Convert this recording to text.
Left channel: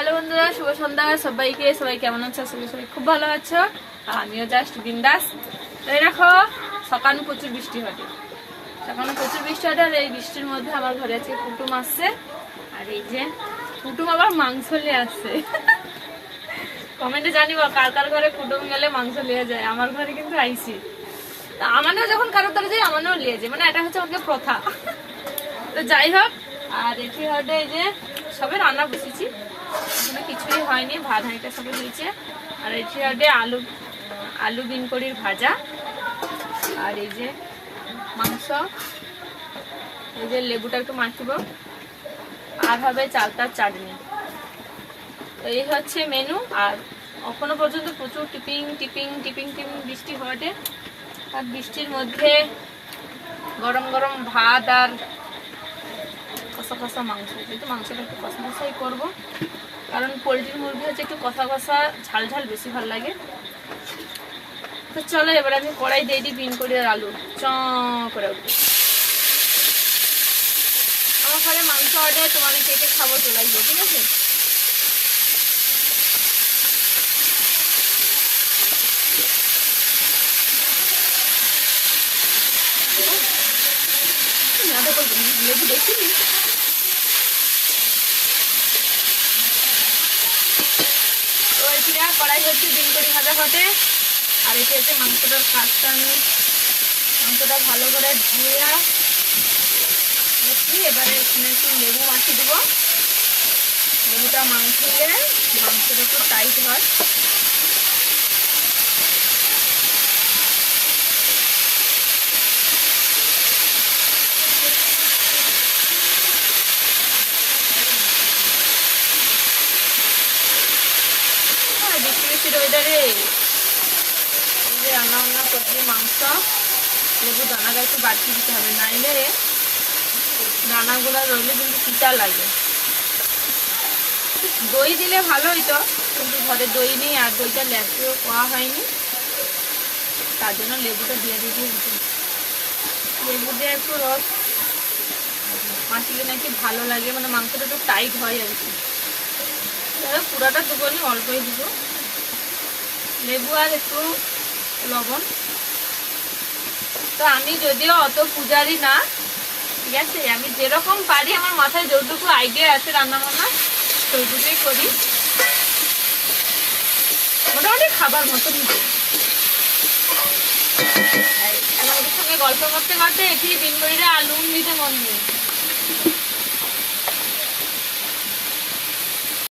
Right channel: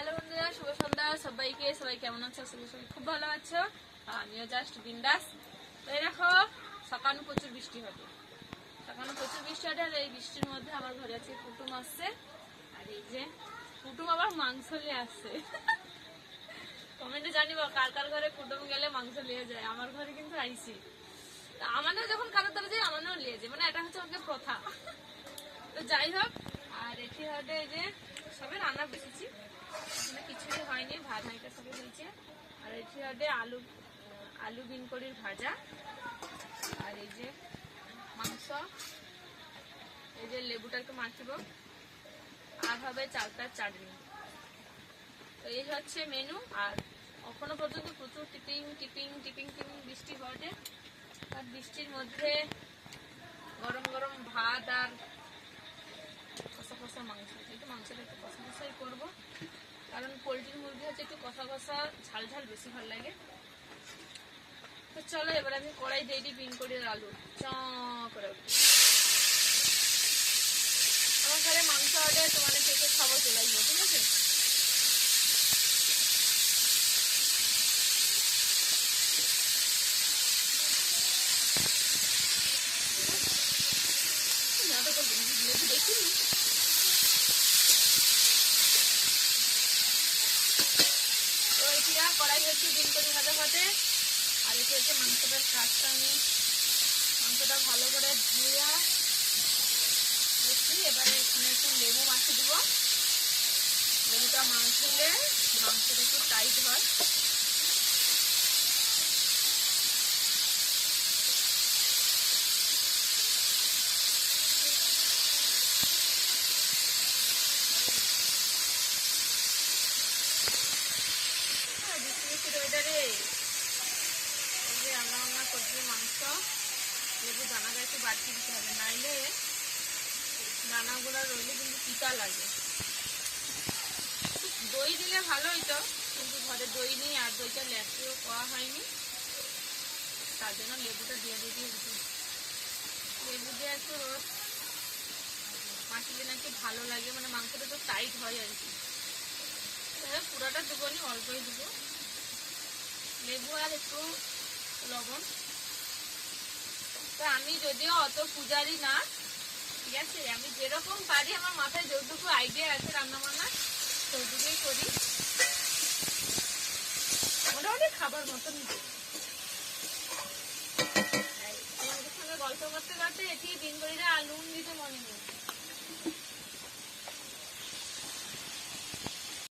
Hello বন্ধুরা, শুভ সন্ধ্যা সবাইকে। সবাই কেমন আছো? সবাই খুব ভালো আছো, আর আমিও জাস্ট বিন্দাস। তো এই দেখো, সকালে প্রচুর বৃষ্টি হয়, আর এই বৃষ্টির মধ্যে আমার ঘরে আজকে কুটুম আসছে। আর এই যে কুটুম আবার মাংস নিয়ে আসছে। কমেন্টে জানিব কার কার ঘরে কুটুম গেলে মাংস নিয়ে যায়। আমার ঘরে কিন্তু আইসি, আমারও যখন কারো তারা যায় আমারও নিয়ে যায়, মানে এটা হচ্ছে আমাদের প্রথা। তো যাই হোক, আর এটি হতে এই যে সবে রান্না বসেছি, এখনো কিছুই হয়নি, ভাত হাঁড়িটা সবে হয়েছে। আর এটি হতে আলু বিনকড়ির ভাজা, আর এই যে মাংস, এই যে লেবুটা একটু মাখবো, আর হবে চালতার চাটনি। তো এই হচ্ছে মেনু। আর এখনো পর্যন্ত প্রচুর টিপিং টিপিং টিপিং টিপিং বৃষ্টি হওয়াতে, আর বৃষ্টির মধ্যে গরম গরম ভাত আর কষা কষা মাংস, যেহেতু মাংসটা একটু কষা কষাই করবো, কারণ পোলট্রির মুরগি হচ্ছে একটু কষা কষা ঝাল ঝাল বেশি ভালো লাগে। তো চলো এবার আমি কড়াই দিয়ে দিই বিনকড়ি আর আলু চ করে উঠবো। আমার ঘরে মাংস অর্ডার, তোমাদের কে কে খাবো চলে আসবো, ঠিক আছে? লেবু দেখিনি। তো এটিরা কড়াই হচ্ছে বিনকড়ি ভাজা ঘটে, আর এটি হচ্ছে মাংসটার কাজটা। আমি মাংসটা ভালো করে ধুয়ে এবারে এখানে একটু লেবু মাখিয়ে দেবো। লেবুটা মাখিয়ে মাংসটা একটু টাইট হয়। বৃষ্টি বৃষ্টির ওয়েদারে রান্না বান্না করতে মাংস লেবু দানাটা একটু বাড়তি দিতে হবে, নাইলে দানাগুলো রইলে কিন্তু পিতা লাগে। দই দিলে ভালো হইতো, কিন্তু ঘরে দই নেই, আর দইটা ল্যাপেও খাওয়া হয়নি, তার জন্য লেবুটা দিয়ে দিতে হতো। লেবু দিয়ে একটু রস মাখিলে নাকি ভালো লাগে, মানে মাংসটা একটু টাইট হয় আর কি। পুরাটা দেবো নি, অল্পই দেবো লেবু আর একটু লবণ। তো আমি যদিও অত পূজারি না, ঠিক আছে, আমি যেরকম পারি, আমার মাথায় যতটুকু আইডিয়া আছে রান্না বান্না সেইটুকুই করি, মোটামুটি খাবার মতন। আমাদের সঙ্গে গল্প করতে করতে এটি বিনকড়িটা আলু দিতে মন নেই।